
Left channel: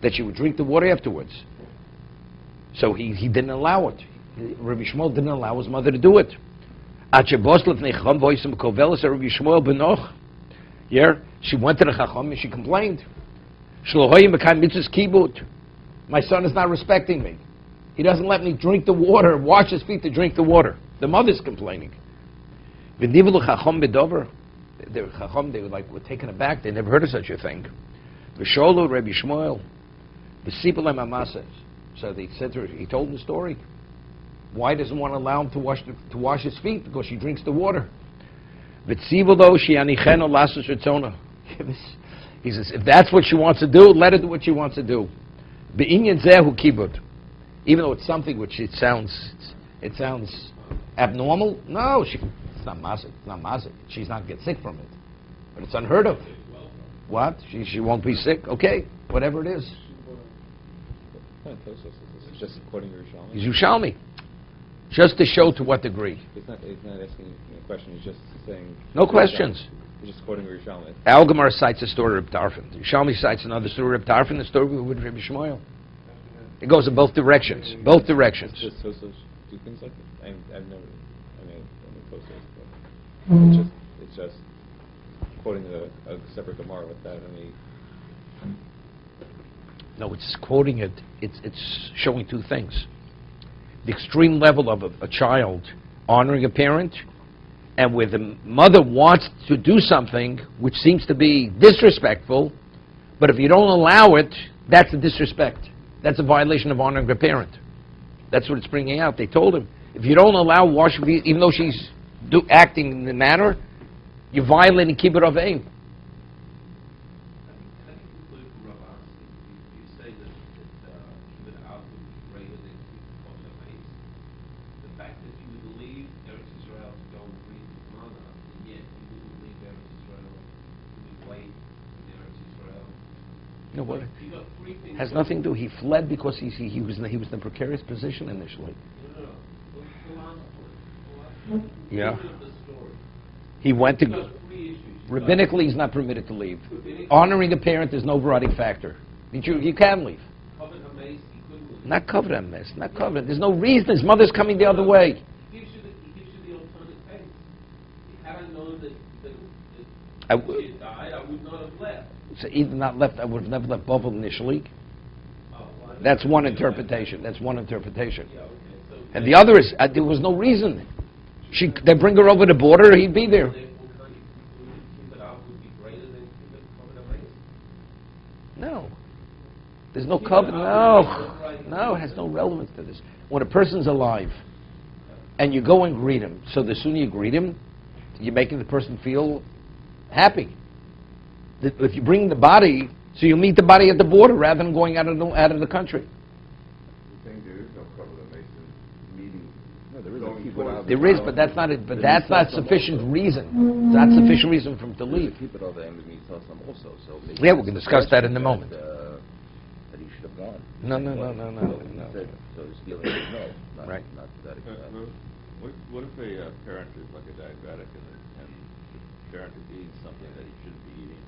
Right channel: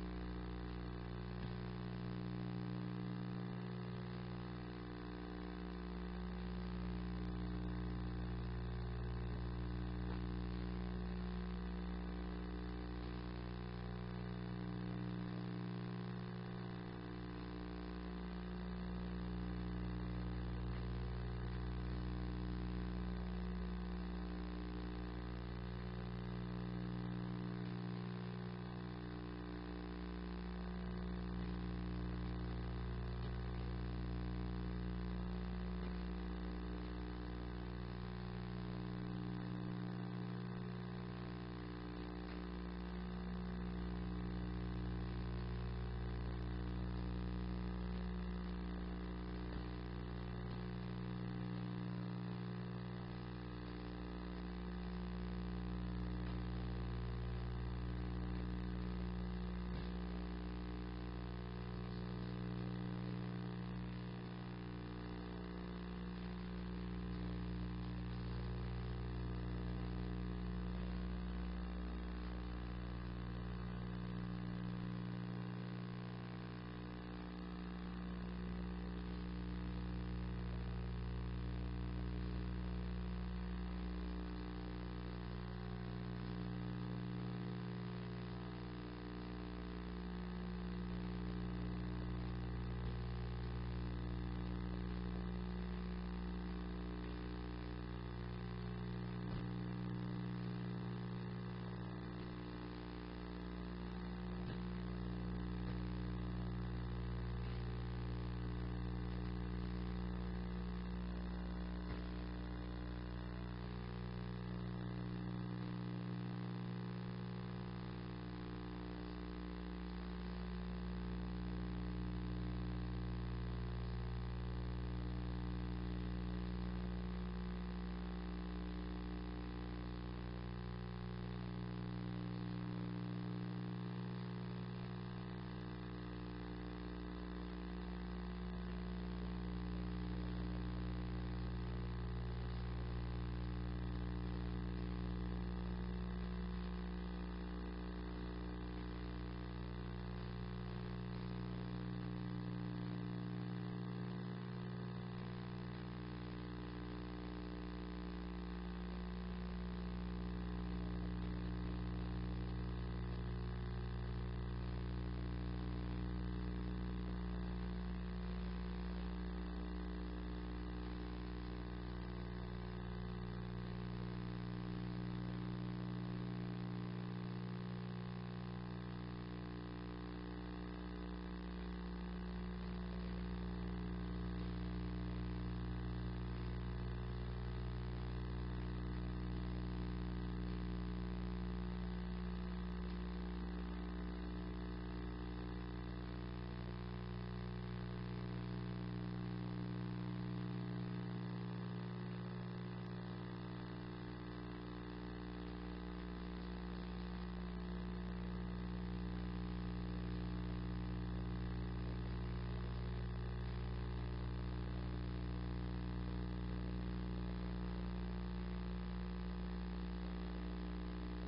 That she would drink the water afterwards. So he didn't allow it. Rabbi Shmuel didn't allow his mother to do it. Here, she went to the Chacham and she complained. My son is not respecting me. He doesn't let me drink the water, wash his feet to drink the water. The mother's complaining. The Chacham, they were taken aback. They never heard of such a thing. V'sholu Rabbi Shmuel, v'sipalem amaseh. So they said to her, he told the story. Why doesn't want to allow him to wash his feet? Because she drinks the water. He says, if that's what she wants to do, let her do what she wants to do. Even though it's something which it sounds abnormal. No, it's not mazik. It's not mazik. She's not going to get sick from it. But it's unheard of. What? She won't be sick? Okay, whatever it is. It's just quoting Yerushalmi. He's Yerushalmi. Just to show to what degree. He's not asking a question, he's just saying... No questions. He's just quoting Yerushalmi. Al-Gemara cites a story of Tarfon. Yerushalmi cites another story of Tarfon, the story with Rabbi Shmuel. It goes in both directions. Both directions. So do things like that? I've never... It's just quoting a separate Gemara with that. No, it's quoting it. It's showing two things. The extreme level of a child honoring a parent, and where the mother wants to do something which seems to be disrespectful, but if you don't allow it, that's a disrespect. That's a violation of honoring a parent. That's what it's bringing out. They told him, if you don't allow wash, even though she's acting in the manner, you're violating kibbut aveim. No, what? Has nothing to do. He fled because he was in a precarious position initially. Yeah. He went to. Rabbinically, he's not permitted to leave. Honoring a parent is no overriding factor. You can leave. Not covered on this. Not covered. There's no reason. His mother's coming the other way. I would not have left. So either not left, I would have never left Bovel initially. That's one interpretation. That's one interpretation. And the other is, there was no reason. They bring her over the border, he'd be there. No. There's no covenant. No, it has no relevance to this. When a person's alive, and you go and greet him, so the sooner you greet him, you're making the person feel happy. If you bring the body, so you meet the body at the border rather than going out of the country. There is, but that's not it. But that's not sufficient reason. It's not sufficient reason for him to leave. Yeah, we can discuss that in a moment. No. Right. what if a parent is like a diabetic and the parent is eating something that he shouldn't be eating,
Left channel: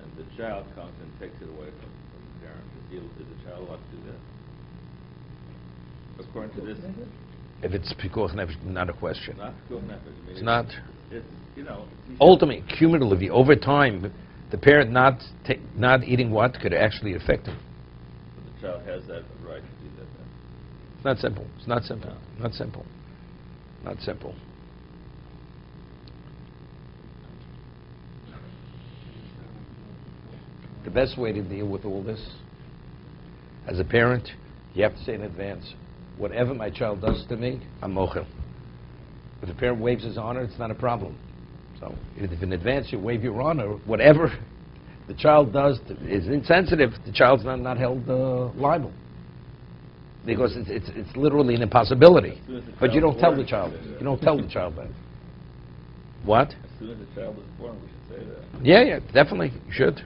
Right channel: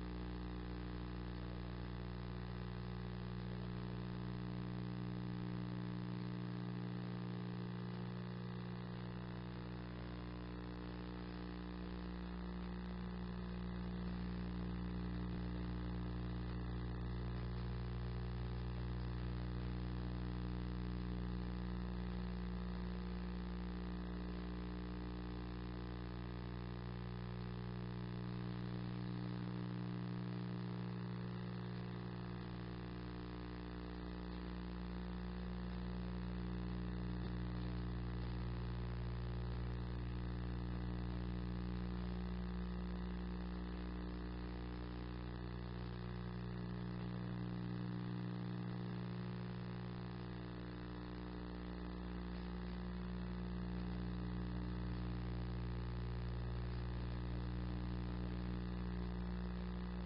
and the child comes and takes it away from the parent? Does the child want to do that? According to this, If it's pikuach nefesh, not a question. not good method. It's not. It's, you know. Ultimately, cumulatively, over time, the parent not eating what could actually affect him. The child has that right to do that. It's not simple. It's not simple. Not simple. Not simple. The best way to deal with all this, as a parent, you have to say in advance, whatever my child does to me, I'm mochel. If the parent waives his honor, it's not a problem. So if in advance you waive your honor, whatever the child does is insensitive, the child's not held liable. Because it's literally an impossibility. But you don't tell the child. You don't tell the child that. What? As soon as the child is born, we should say that. Yeah, definitely. You should.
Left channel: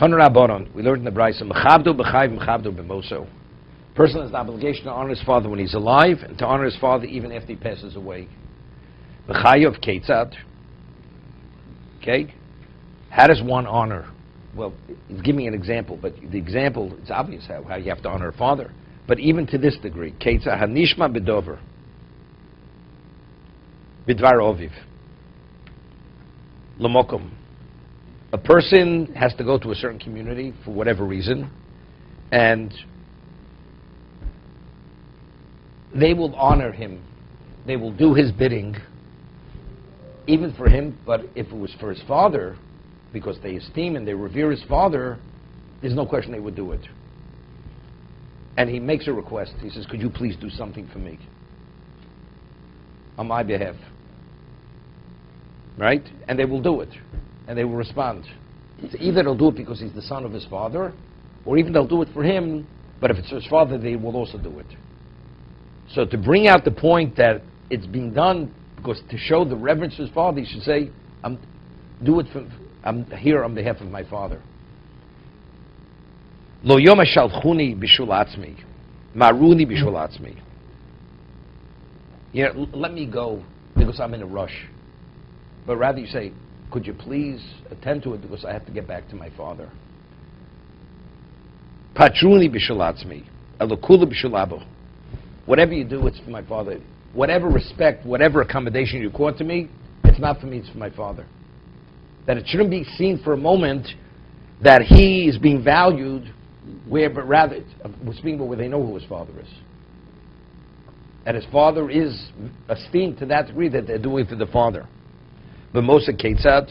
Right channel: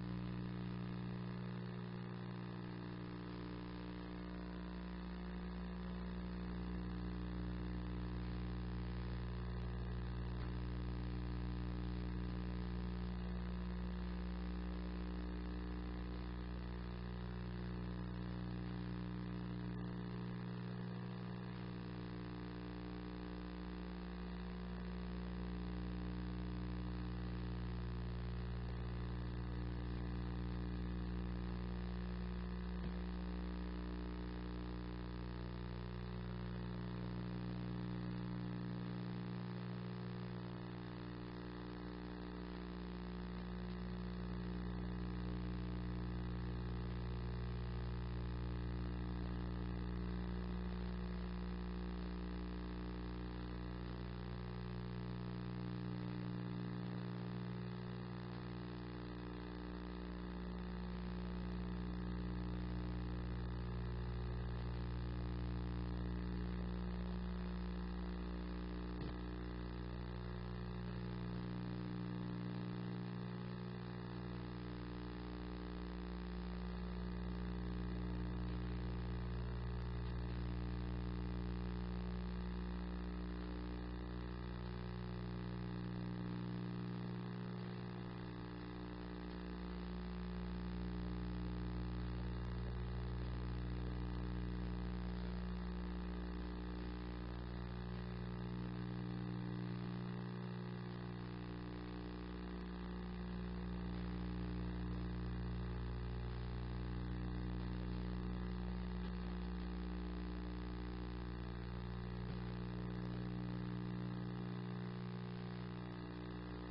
Tanu Rabbanon, we learned in the Brayso, Mechabdu b'chayv, mechabdu b'moso. Person has the obligation to honor his father when he's alive, and to honor his father even after he passes away. B'chayav keitzad. Okay? How does one honor? Well, he's giving an example, but the example, it's obvious how you have to honor a father. But even to this degree, keitzad hanishma b'dover. B'dvar oviv. L'mokom. A person has to go to a certain community for whatever reason, and they will honor him. They will do his bidding, even for him, but if it was for his father, because they esteem and they revere his father, there's no question they would do it. And he makes a request. He says, could you please do something for me? On my behalf. Right? And they will do it. And they will respond. It's either they'll do it because he's the son of his father, or even they'll do it for him, but if it's his father, they will also do it. So to bring out the point that it's being done because to show the reverence to his father, he should say, I'm here on behalf of my father. Lo yom shalchuni bishul atzmi, maruni bishul atzmi. Yeah, let me go because I'm in a rush. But rather you say, could you please attend to it because I have to get back to my father. Patruni bishul atzmi, elokula bishul abo. Whatever you do, it's for my father. Whatever respect, whatever accommodation you accord to me, it's not for me, it's for my father. That it shouldn't be seen for a moment that he is being valued but rather, we're speaking about where they know who his father is. And his father is esteemed to that degree that they're doing it for the father. But Moshe Ketzad,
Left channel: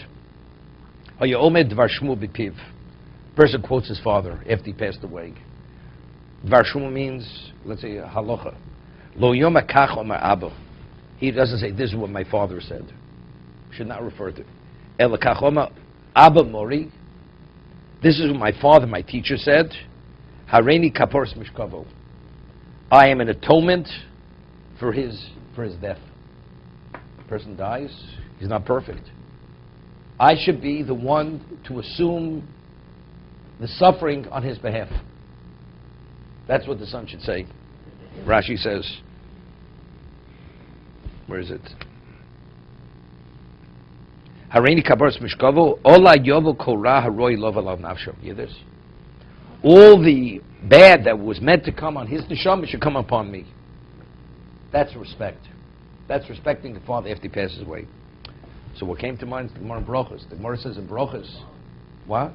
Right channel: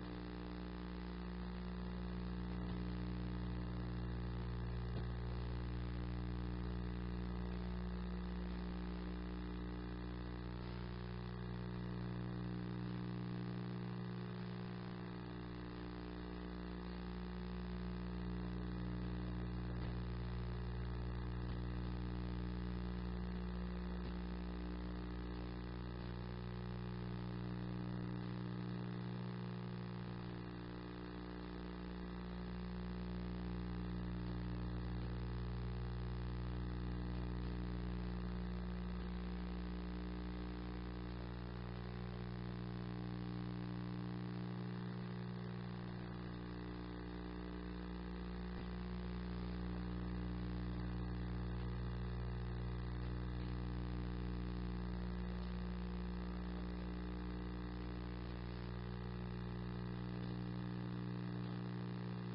Omed Dvar Shmu B'Piv. Person quotes his father after he passed away. Dvar Shmu means, let's say, halacha. Lo Yom Akach Omer Abba. He doesn't say, this is what my father said. Should not refer to. El Akach Omer Abba Mori. This is what my father, my teacher, said. Hareini Kapors Mishkavo. I am an atonement for his death. The person dies, he's not perfect. I should be the one to assume the suffering on his behalf. That's what the son should say. Rashi says, where is it? Hareini Kapors Mishkavo, Ola Yovo Korah Haroi Lov Alav Nafsho. You hear this? All the bad that was meant to come on his neshama should come upon me. That's respect. That's respecting the father after he passes away. So what came to mind is the Gemara in Brochus. The Gemara says in Brochus, what?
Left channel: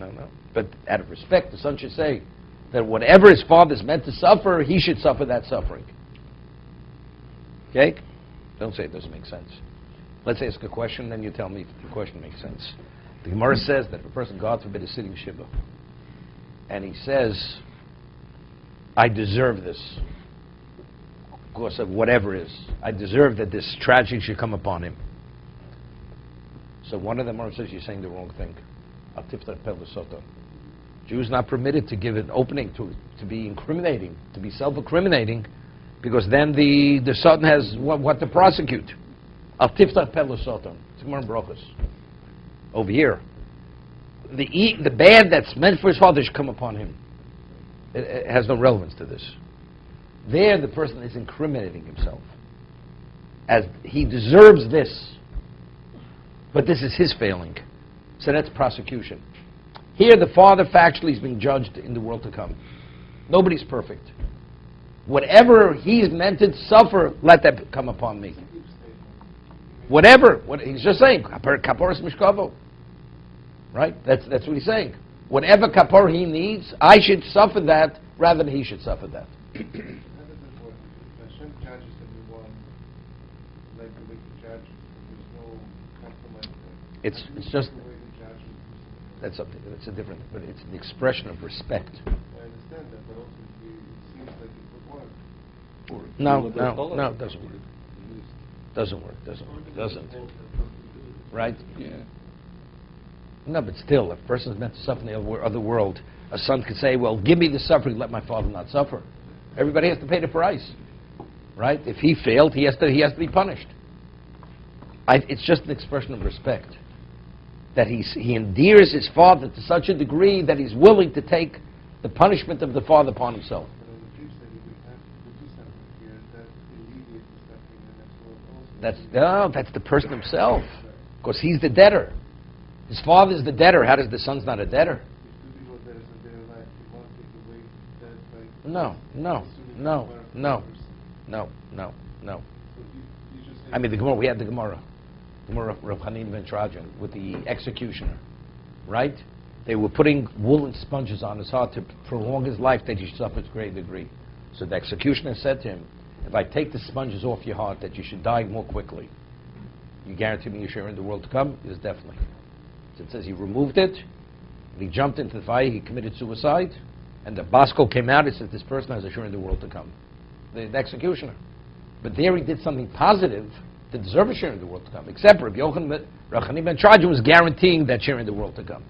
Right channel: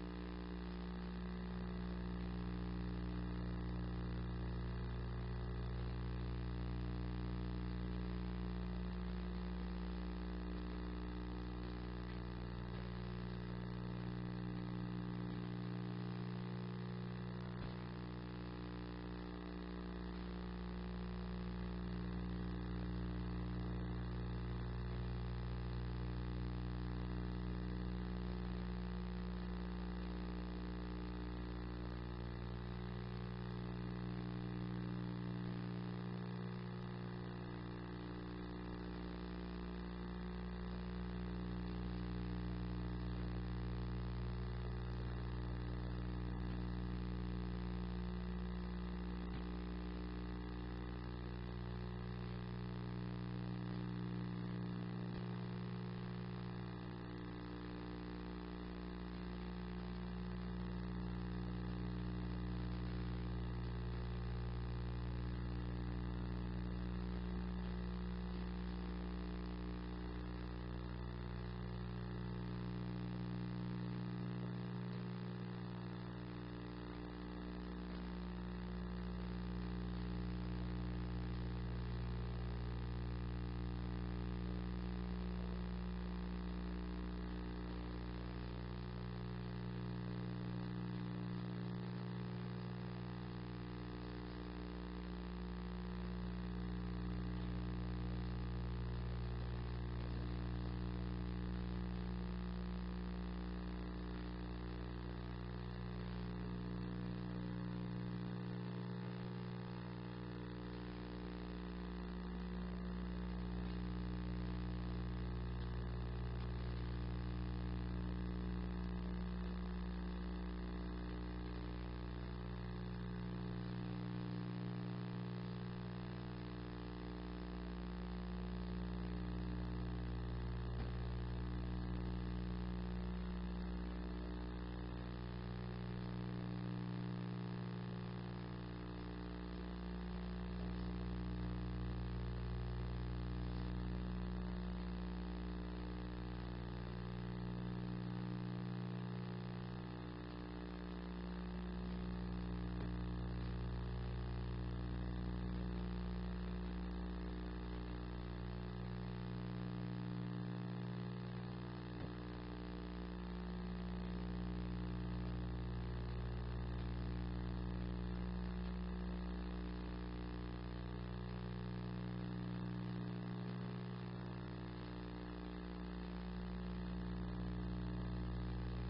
No. But out of respect, the son should say that whatever his father is meant to suffer, he should suffer that suffering. Okay? Don't say it doesn't make sense. Let's ask a question, then you tell me if the question makes sense. The Gemara says that the person, God forbid, is sitting Shiva, and he says, I deserve this because of whatever it is. I deserve that this tragedy should come upon him. So one of them says, you're saying the wrong thing. Jews not permitted to give an opening to be incriminating, to be self-incriminating, because then the Satan has what to prosecute. Al tiftach pelu Satan. It's Gemara in Brochus. Over here, the bad that's meant for his father should come upon him. it has no relevance to this. There, the person is incriminating himself, as he deserves this, but this is his failing. So that's prosecution. Here, the father factually is being judged in the world to come. Nobody's perfect. Whatever he's meant to suffer, let that come upon me. Whatever, what he's just saying, kaporas mishkavo. Right? That's what he's saying. Whatever kapor he needs, I should suffer that rather than he should suffer that. It's just that's a different, but it's an expression of respect. No, it doesn't work. Doesn't. Right? Yeah. No, but still, if a person is meant to suffer in the other world, a son could say, well, give me the suffering, let my father not suffer. Everybody has to pay the price. Right? If he failed, he has to be punished. It's just an expression of respect. That he endears his father to such a degree that he's willing to take the punishment of the father upon himself. That's the person himself. Because he's the debtor. His father's the debtor. How does the son's not a debtor? No. I mean, the Gemara, we had the Gemara Rav Chanin ben Trajan with the executioner, right? They were putting woolen sponges on his heart to prolong his life that he should suffer to a great degree. So the executioner said to him, if I take the sponges off your heart that you should die more quickly, you guarantee me your share in the world to come? It is definitely. So it says he removed it, he jumped into the fire, he committed suicide, and the Bosco came out, it says this person has a share in the world to come. The executioner. But there he did something positive to deserve a share in the world to come. Except Rabbi Chanin ben Trajan was guaranteeing that share in the world to come.